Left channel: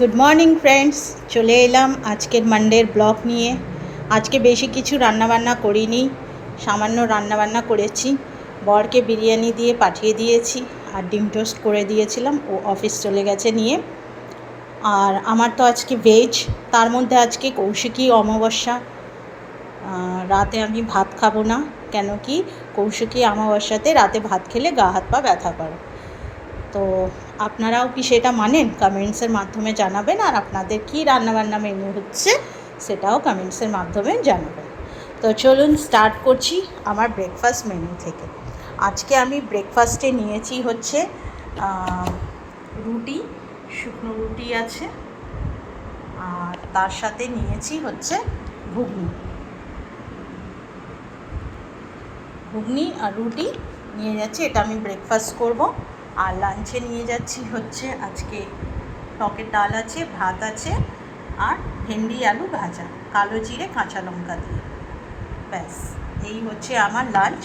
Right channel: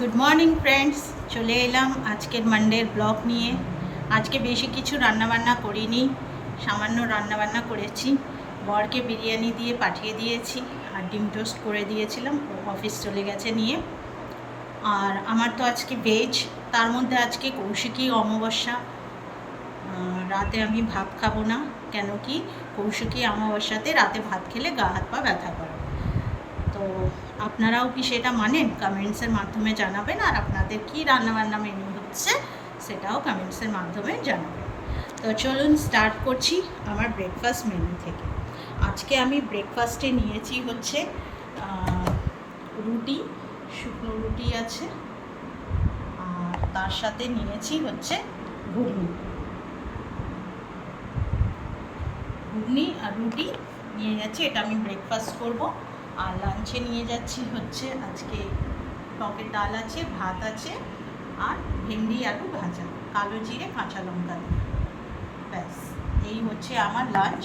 Good morning friends, চলে এলাম আজকের মানডের ব্লগ নিয়ে। আজকে বেশি কিছু রান্নাবান্না করিনি, সামান্য রান্নাবান্না করেছি। বরকে বিরিয়ানি দিয়ে পাঠিয়ে দিয়েছি আর ডিম টোস্ট করে দিয়েছিলাম, ও অফিস চলে গেছে নিয়ে। আর আমার তো আজকে ভেজ, তার মধ্যে আজকে কৌশিকী অমাবস্যা। রাতে আমি ভাত খাবো না, কেন কি কৌশিকী অমাবস্যাতে রাতে ভাত খেলে গা হাত পা ব্যথা করে। তো আপনারাও কি সেটা মানেন? কমেন্টসের মাধ্যমে জানাবেন। আর আপনাদের কী রান্নাবান্না মেনু হচ্ছে সেটাও কমেন্টসের মাধ্যমে জানাবেন। তো চলুন স্টার্ট করছি আমার ব্রেকফাস্ট মেনু থেকে। আজকে আমি ব্রেকফাস্টে নিয়েছি হচ্ছে রুটি, শুকনো রুটি আছে, আর তার সাথে নিয়েছি হচ্ছে ঘুগনি আর রুটি নিয়ে যাচ্ছি। এটা আমি ব্রেকফাস্ট করব। আর লাঞ্চে নিয়ে যাচ্ছি হচ্ছে আজকে টকের ডাল আছে, ভাত আছে, আর ভেন্ডি আলু ভাজা, কালো জিরে কাঁচা লঙ্কা দিয়ে। ব্যাস, এই হচ্ছে আমার লাঞ্চ।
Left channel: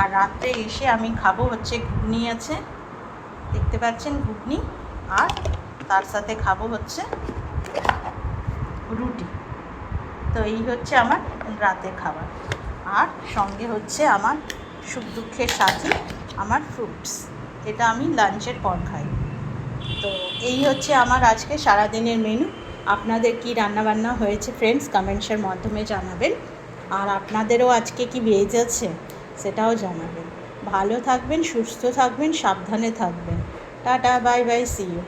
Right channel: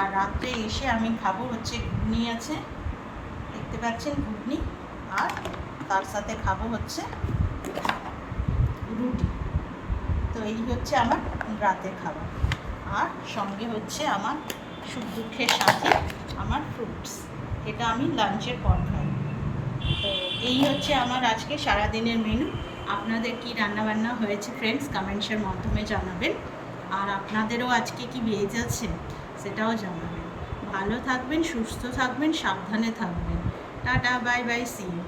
আর রাত্রে এসে আমি খাবো হচ্ছে ঘুগনি আছে, দেখতে পাচ্ছেন ঘুগনি, আর তার সাথে খাবো হচ্ছে রুটি। তো এই হচ্ছে আমার রাতের খাবার। আর সঙ্গে হচ্ছে আমার সুখ দুঃখের সাথী আমার ফ্রুটস, এটা আমি লাঞ্চের পর খাই। তো এই হচ্ছে আমার আজকে সারাদিনের মেনু। আপনাদের কি রান্নাবান্না হয়েছে ফ্রেন্ডস কমেন্টসের মাধ্যমে জানাবেন। আর আপনাদেরও আজকে কি ভেজ আছে সেটাও জানাবেন। ভালো থাকবেন, সুস্থ থাকবেন, সাবধানে থাকবেন। Tata, bye bye, see you.